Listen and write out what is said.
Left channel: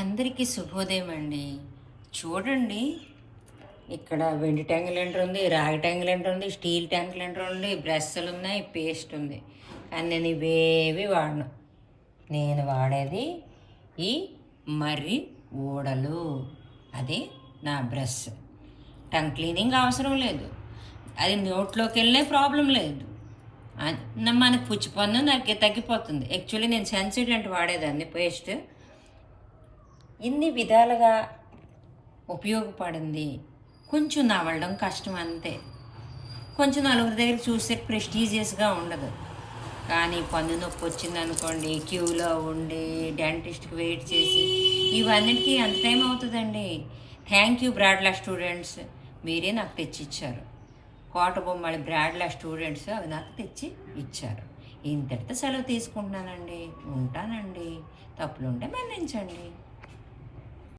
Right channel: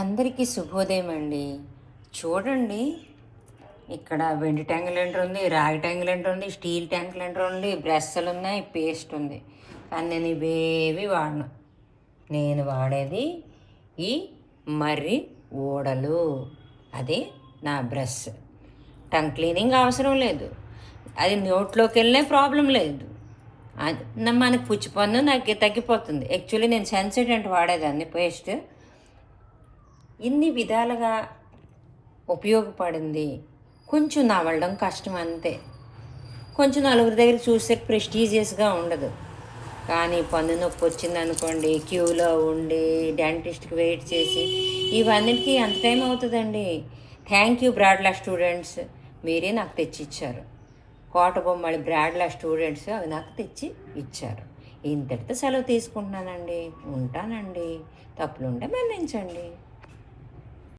అందరికీ శుభోదయం అండి. చూడండి, ఇక్కడ వెండి ట్యాంక్ లెంటర్ ఉంది, రాగి ట్యాంక్ లెంటర్ ఉంది, స్టీల్ ట్యాంక్ లెంటర్ ఉంది, బ్రష్లు ఉన్నాయి, పేస్ట్ ఉంది. కానీ నేను ఇవేవి వాడను. నేను వాడేది ఈ మర్రి ఊడలు. అది నా బ్రష్. టంగ్ క్లీనింగ్ అవసరం లేదు, అది నోట్లోకి వెళ్ళే ప్రాబ్లం లేదు. మనకు పుచ్చి పన్ను నాకు తగ్గిపోతుంది. యాక్చువల్లీ నేను సెన్సిడెంట్ వాడేదాన్ని పేస్ట్. ఇన్ని విధాలుగా ఉపయోగపడింది. కొంచెం నవలడం కష్టం అంతే. కొంచెం నలుగురి దగ్గర చూస్తే ప్రెస్టీజియస్గా ఉండదు. కానీ పన్ను నొప్పి వచ్చింది అనుకోండి, క్యూలో ఉండి డెంటిస్ట్కి వెయిట్ చేసి ఇవన్నిటికీ ఎంత టైం అవుతుందండి. థ్యాంక్ యూ బ్రాడ్లా స్టూడెంట్స్, మీరే నాకు తెచ్చి ఇచ్చారు. కోట బొమ్మడి బ్రాడ్లా స్టూడెంట్స్ అవి నాకు తెచ్చి ఇచ్చారు. ఇంతటితో సెలవు తీసుకుంటున్నానండి. ఉంటానండి. తప్పులుంటే మన్నించండి.